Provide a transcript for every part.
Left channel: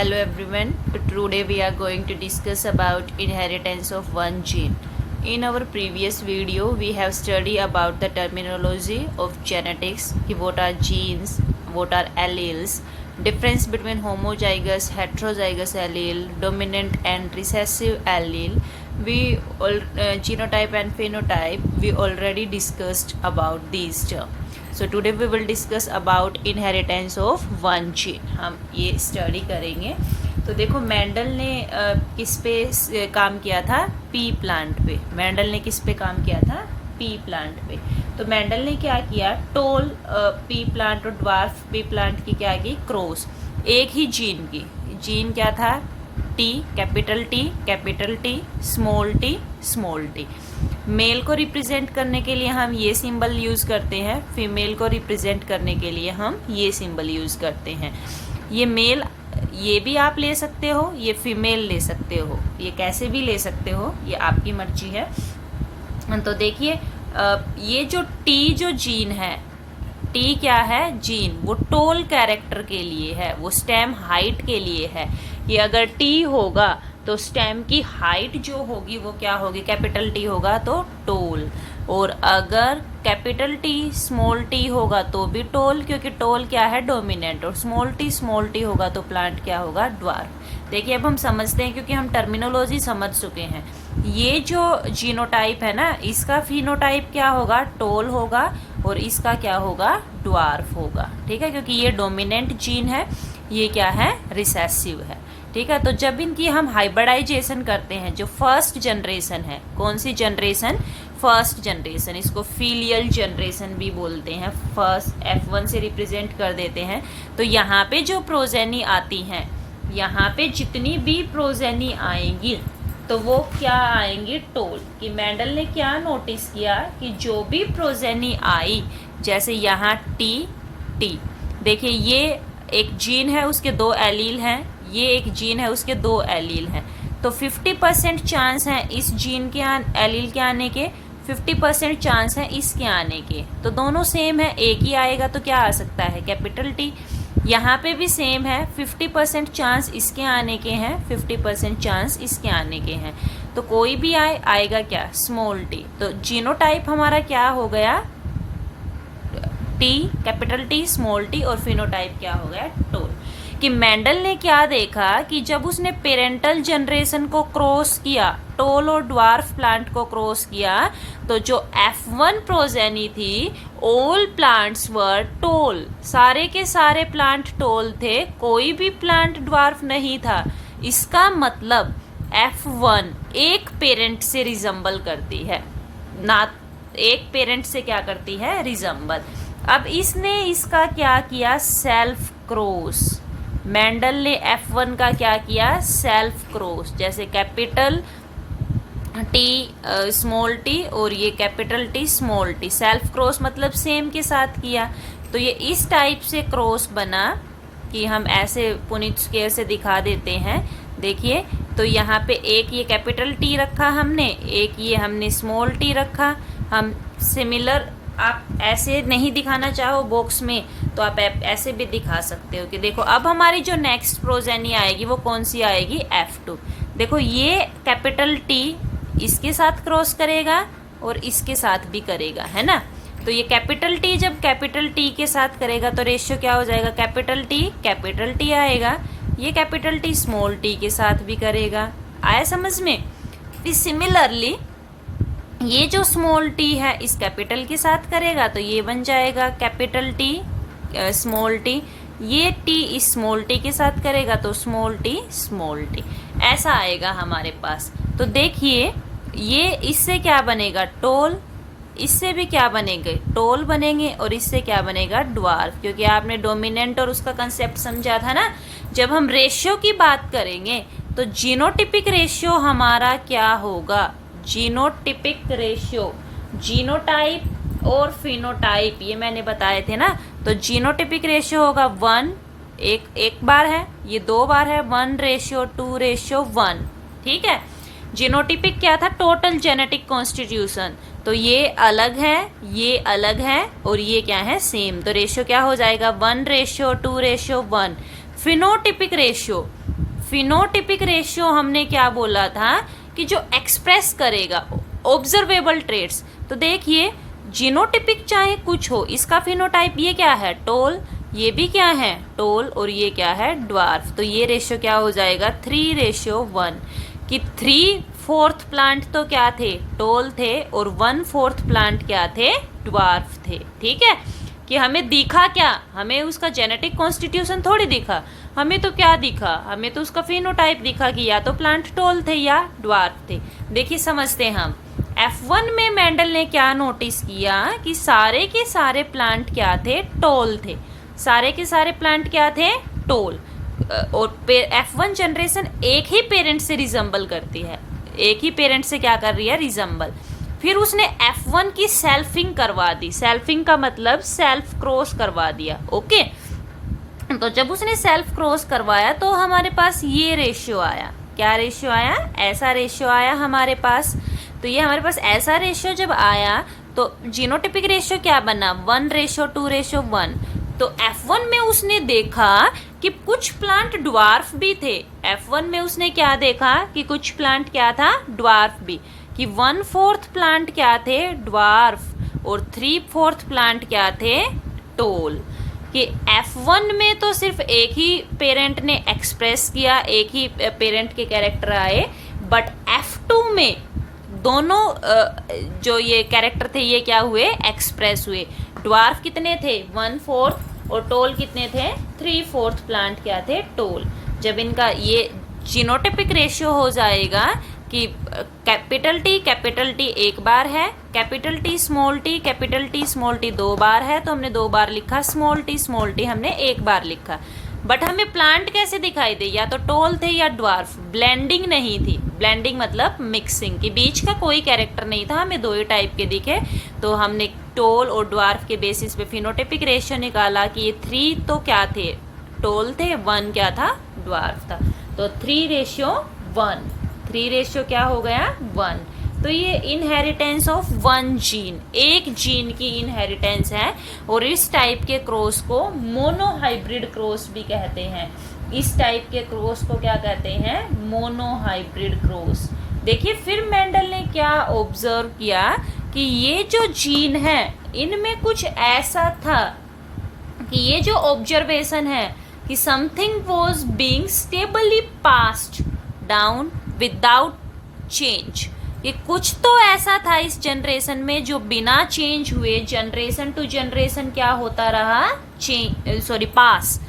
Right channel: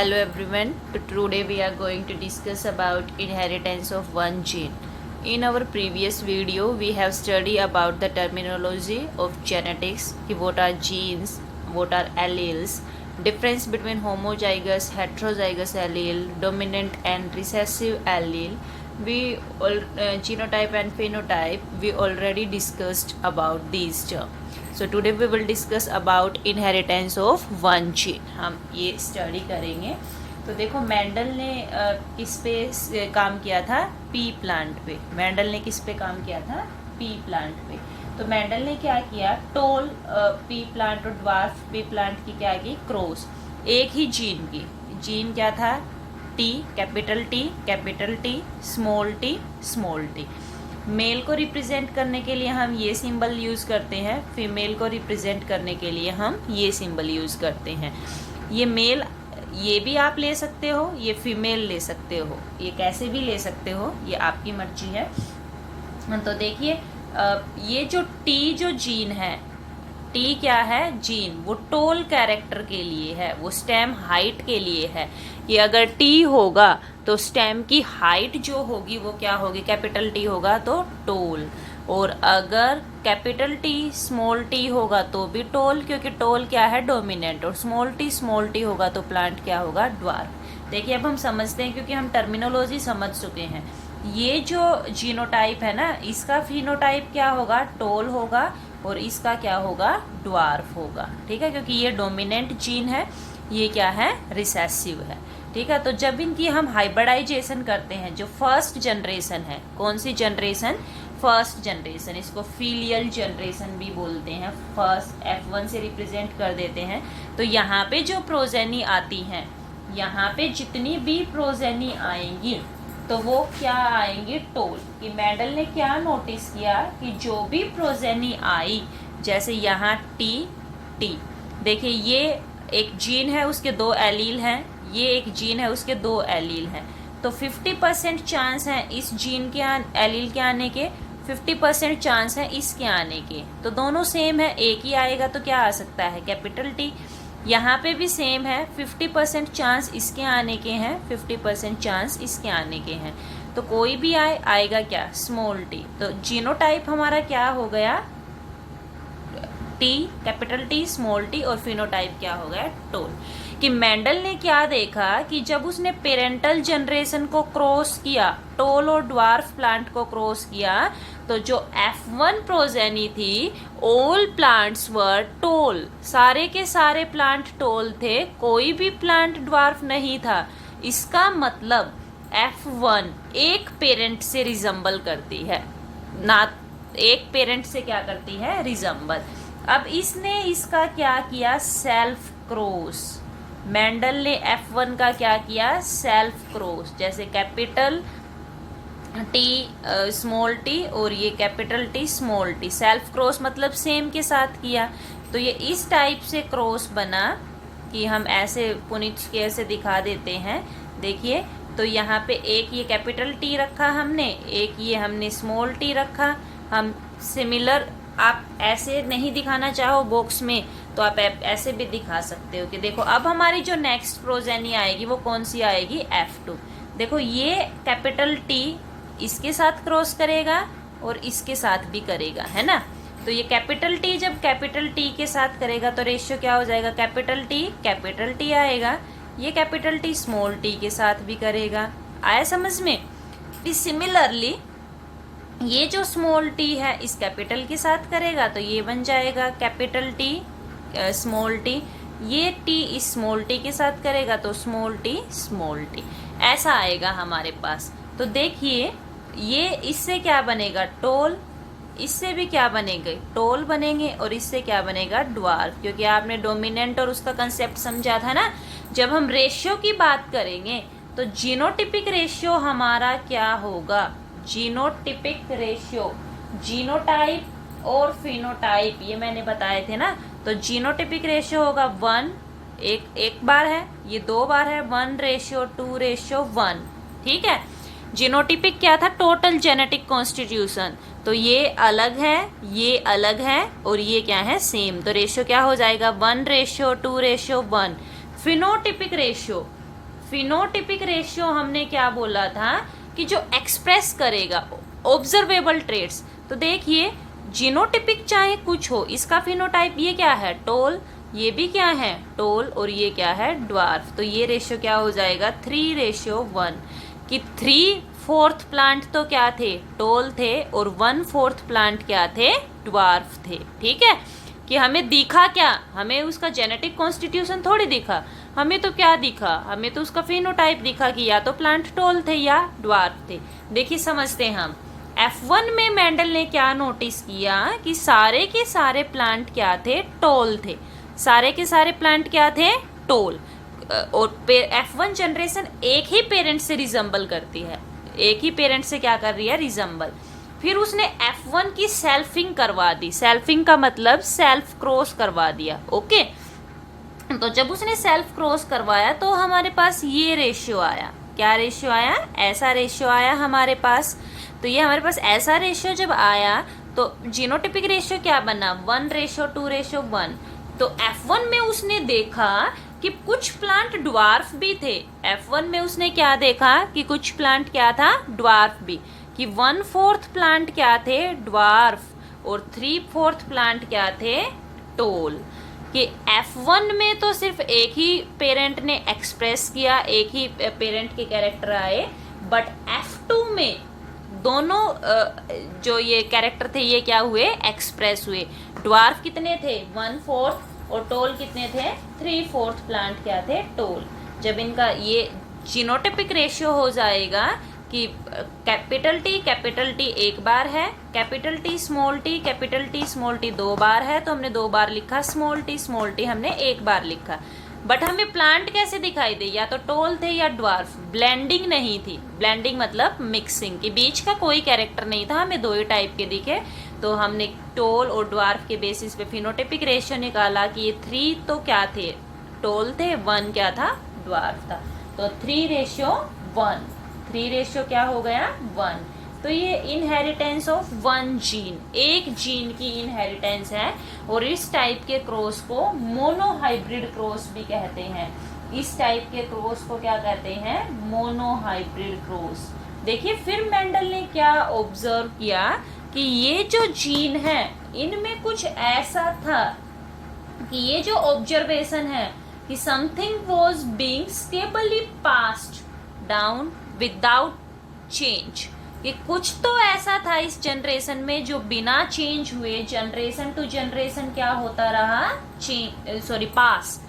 Hello everyone. Today we are going to discuss about inheritance of one gene. In our previous video, we have studied about the terminology of genetics, what are genes, what are alleles, difference between homozygous, heterozygous allele, dominant and recessive allele. Genotype and phenotype, we already discussed about these terms. So today we will discuss about inheritance of one gene. हम ये study करेंगे. तो देखो Mendel ने किस पे काम किया था? पी प्लांट पे. मेंडल ने किस पे काम किया था? पी प्लांट पे. तो मेंडल ने क्या किया? टोल पी प्लांट और ड्वार्फ पी प्लांट की क्या की? क्रॉस. एक ही जीन की. जीन क्या था? T, capital T, small T. Male को रिप्रेजेंट करने के लिए हम ये सिंबल यूज करते हैं, फीमेल को रिप्रेजेंट करने के लिए हम ये सिंबल यूज करते हैं. ये मेल ये भी आप ले सकते हो, ये फीमेल ले सकते हो, ये कैसे भी ले सकते हो, ये आपकी मर्जी है. तो देखिए ये जो टी जो जीन है, टी क्या है? जीन. वो टोल कैरेक्टर के लिए है, वो स्टेम हाइट के लिए है कि अगर टी होगा तो स्टेम की हाइट जो होगी वो क्या होगी? कैपिटल टी होगा तो टोल, और अगर कैपिटल टी स्मॉल टी होगा तो भी टोल, क्योंकि टोल क्या है? डोमिनेंट. और स्मॉल टी होगा तो प्लांट क्या होगा? ड्वार्फ. देखिए अब हम समझते हैं, क्योंकि हम टर्मिनोलॉजी समझ चुके हैं. ये जो जीनोटाइप है ना, इसका फिनोटाइप क्या होगा? टोल होगा, और इसका क्या होगा? ड्वार्फ होगा. ठीक है, क्योंकि ये डोमिनेंट जीन है, ये क्या है? रिसेसिव है. ठीक है, तो जब इनकी हम हाइब्रिडाइजेशन करते हैं, जो फर्स्ट जनरेशन है, कौन सी जनरेशन? First generation. इसको फीलियल जनरेशन भी बोलते हैं. फर्स्ट F1 से रिप्रेजेंट कर देते हैं. तो यहाँ पे जो प्रोजेनी आती हैं, यहाँ पे जितनी भी प्रोजेनी आएंगी तो वो क्या आएंगी? टोल. कि मेंडल ने क्या नोटिस किया कि जो भी प्रोजेनी आई, जैसे यहाँ टी, देखिए ये एक जीन है, उसके दो एलील हैं, ये एक जीन है, उसके दो एलील हैं. तो 50% चांस है इस जीन के एलील के आने के, 50% चांस है इसके आने के. तो दोनों सेम है, एक ही आएगा तो क्या आ सकता है? Capital T. यहाँ पे भी सेम है, 50% चांस इसके आने के हैं, 50% चांस इसके आने के हैं. तो कोई भी आएगा क्या? Small T. तो जीनोटाइप हमारा क्या हो गया? T, capital T, small T, और फिनोटाइप क्या हो गया? टोल. कि मेंडल ने क्या देखा कि जब उसने पेरेंटल जनरेशन को क्रॉस किया, टोल और ड्वार्फ प्लांट को क्रॉस किया, तो जो F1 प्रोजेनी थी, ऑल प्लांट्स वर टोल. सारे के सारे प्लांट टोल थे, कोई भी प्लांट ड्वार्फ नहीं था. इसका मतलब F1 एक पेरेंट से रिजम्बल करती है ना, एक पेरेंट से क्या करती है? रिजम्बल. अब इसने इसका क्या किया? Self cross. मेंडल ने F1 का क्या किया? Self cross. जैसे कैपिटल टी स्मॉल टी और ये capital T small T. Self cross मतलब सेम के साथ किया. तो ये इस टाइप से क्रॉस बना कि हम ऐसे पुनिट स्केल से दिखा देते हैं. देखिए, तो यहाँ पे एक ये कैपिटल टी रखा हमने, एक ये हमने स्मॉल टी रखा. हम सिमिलर, आप ऐसे नहीं दिखाना चाहो बॉक्स में तो आप ऐसे भी दिखा सकते हो कि देखो अब हमारी जो नेक्स्ट प्रोजेनी आएगी वो कौन सी आएगी? F2. देखो ये कैपिटल टी इसके साथ क्रॉस करेगा और इसके साथ भी करेगा, है ना. तो ये कैपिटल टी जब कैपिटल टी के साथ करेगा तो रेशियो क्या हो जाएगा? कैपिटल टी आएगा. ये कैपिटल टी स्मॉल टी के साथ भी करेगा. आया समझ में? सिमिलरली ये जो स्मॉल टी है इस कैपिटल के साथ करेगा तो ये बन जाएगा कैपिटल टी स्मॉल टी. ये टी इस स्मॉल टी के साथ करेगा तो स्मॉल टी. ऐसा आएगा हमारे पास. तो देखिए ये इससे क्या बनेगा? टोल. इससे भी क्या बनेंगे? टोल बनेंगे. और इससे क्या बनेगा? ड्वार्फ. क्योंकि आपने डोमिनेंट और उसका कंसेप्ट समझा था ना. जब हम रेशियो की बात करेंगे तो जीनोटिपिक रेशियो हमारा क्या होगा? जीनोटिपिक रेशियो, जीनोटाइप और फिनोटाइप, ये मैंने बताए थे ना. तो जीनोटिपिक रेशियो होगा 1, एक बार है, ये 2 बार है, 1:2:1. ठीक है. जीनोटिपिक क्या था? Total genetic constitution. तो ये अलग है, और ये क्या है? सेम. तो रेशियो क्या हो जाएगा? 1:2:1. फिनोटिपिक रेशियो, फिनोटिपिक रेशियो हमने क्या बोला था कि जो एक्सप्रेस करेगा ऑब्जर्वेबल ट्रेट्स। तो देखिए जीनोटिपिक चाहे कुछ हो, इसका फिनोटाइप ये क्या है, टोल, ये भी क्या है टोल, और ये क्या है ड्वार्फ। तो ये रेशियो क्या हो जाएगा 3:1, कि 3/4 प्लांट तो क्या थे, टोल थे, और 1/4 प्लांट क्या थे, ड्वार्फ थे। ठीक है, कि हमें दिखा क्या, हमें उसका जेनेटिक कॉन्स्टिट्यूशन थोड़ी दिखा, हमें तो क्या दिखा, हमें तो उसका फिनोटाइप दिखा कि या तो प्लांट टोल थे या ड्वार्फ थे। देखिए समझते हैं हम, F1 में मेंडल ने क्या नोटिस किया कि सारे के सारे प्लांट क्या थे, टोल थे, सारे के सारे प्लांट क्या थे, टोल। और F1 जनरेशन एक ही पेरेंट से रिजम्बल करती है, एक ही पेरेंट से क्या कर रही है, रिजम्बल। फिर उसने F1 की सेल्फिंग करवा दी, सेल्फिंग का मतलब सेल्फ क्रॉस करवा दिया। ओके, तो जब उसने सेल्फ क्रॉस करवाया तो हमारे पास ये रेशियो आया, क्या रेशियो आया, ऐसा रेशियो आया हमारे पास। तो ये हमारे पास ऐसा रेशियो जब आया तो जीनोटिपिक रेशियो क्या बना, 1:2:1। तो F1 में उसने देखा कि कुछ प्लांट ड्वार्फ भी थे, F1 में उसने क्या देखा कि कुछ प्लांट क्या था, ड्वार्फ भी, कि 1/4 प्लांट क्या थे, ड्वार्फ, और 3/4 प्लांट क्या थे, टोल। कि F1 में तो सिर्फ एक ही पेरेंट ने एक्सप्रेस किया, एक ही पेरेंट के कैरेक्टर आए, बट F2 में दोनों जो ये कैरेक्टर थे ये क्या हुए, एक्सप्रेस हुए। ड्वार्फ कितने थे, 1/4, और टोल कितने थे, 3/4 प्लांट क्या थे, टोल। जब इनका ये जीनोटिपिक रेशियो हो जाएगा कि कैपिटल टी एक बार है, कैपिटल टी स्मॉल टी 2 बार है, तो हमने 2 बार लिखा, स्मॉल टी हमने 1 बार लिखा। बट हमें प्लांट कैसे दिखाई दे, या तो टोल थे या ड्वार्फ, ब्लेंडिंग नहीं थी, ब्लेंडिंग मतलब मिक्सिंग, के बीच का कोई कैरेक्टर नहीं था, हमें 2 ही टाइप के दिखे। तो हमने टोल और ड्वार्फ के बेसिस पे फिनोटिपिक रेशियो निकाला कि ये 3 तो क्या थे, टोल थे, 1 क्या था, ड्वार्फ था। तो 3:1, 3 रेशियो क्या हो गया, 1। तो ये इनहेरिटेंस ऑफ 1 जीन, एक जीन की इनहेरिटेंस है, और इस टाइप के क्रॉस को मोनोहाइब्रिड क्रॉस भी कहते हैं। इस टाइप के क्रॉस को क्या कहते हैं, मोनोहाइब्रिड क्रॉस। देखिए फिर मेंडल ने क्या ऑब्जर्व किया कि ये जो जीन है इनमें कुछ ऐसा था कि ये जो ऑब्जर्वेशन है कि something was being stably passed down without change, ये कुछ तो ऐसा था इस जनरेशन में जो बिना चेंज हुए जनरेशन टू जनरेशन क्या होता रहा, पास,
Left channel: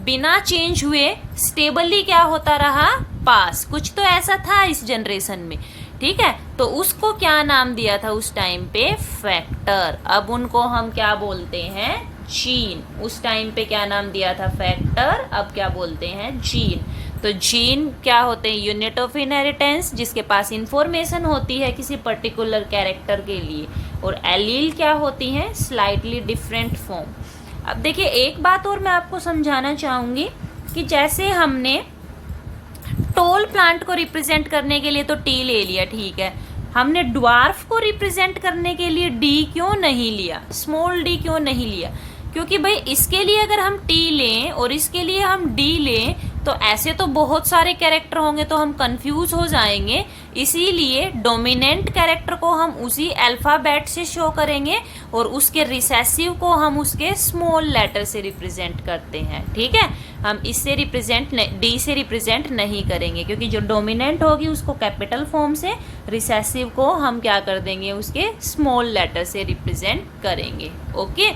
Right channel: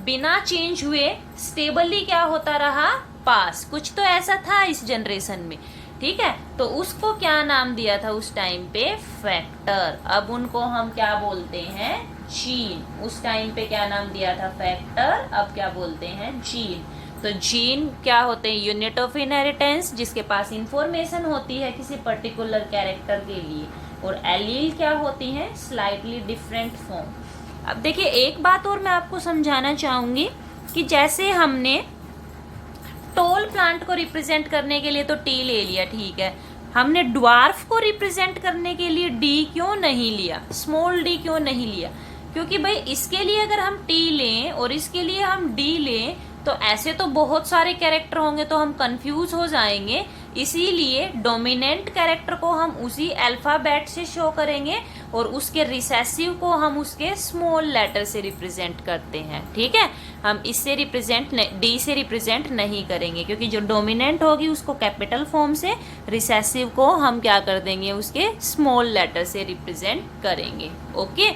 बिना चेंज हुए स्टेबली क्या होता रहा, पास। कुछ तो ऐसा था इस जनरेशन में, ठीक है। तो उसको क्या नाम दिया था उस टाइम पे, फैक्टर। अब उनको हम क्या बोलते हैं, जीन। उस टाइम पे क्या नाम दिया था, फैक्टर, अब क्या बोलते हैं, जीन। तो जीन क्या होते हैं, यूनिट ऑफ इनहेरिटेंस, जिसके पास इंफॉर्मेशन होती है किसी पर्टिकुलर कैरेक्टर के लिए, और एलील क्या होती है, स्लाइटली डिफरेंट फॉर्म। अब देखिए एक बात और मैं आपको समझाना चाहूंगी कि जैसे हमने टोल प्लांट को रिप्रेजेंट करने के लिए तो टी ले लिया, ठीक है, हमने ड्वार्फ को रिप्रेजेंट करने के लिए डी क्यों नहीं लिया, स्मॉल डी क्यों नहीं लिया, क्योंकि भाई इसके लिए अगर हम टी लें और इसके लिए हम डी लें तो ऐसे तो बहुत सारे कैरेक्टर होंगे तो हम कंफ्यूज हो जाएंगे। इसीलिए डोमिनेंट कैरेक्टर को हम उसी अल्फाबेट से शो करेंगे और उसके रिसेसिव को हम उसके स्मॉल लेटर से रिप्रेजेंट करते हैं, ठीक है। हम इससे रिप्रेजेंट डी से रिप्रेजेंट नहीं करेंगे, क्योंकि जो डोमिनेंट होगी उसको कैपिटल फॉर्म से, रिसेसिव को हम क्या कर देंगे, उसके स्मॉल लेटर से रिप्रेजेंट करेंगे। ओके,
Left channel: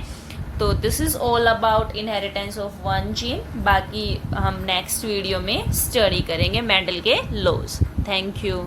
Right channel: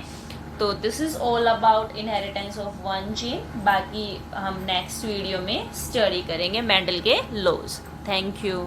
तो this is all about inheritance of 1 gene. बाकी हम नेक्स्ट वीडियो में स्टडी करेंगे मेंडल के लॉज। Thank you.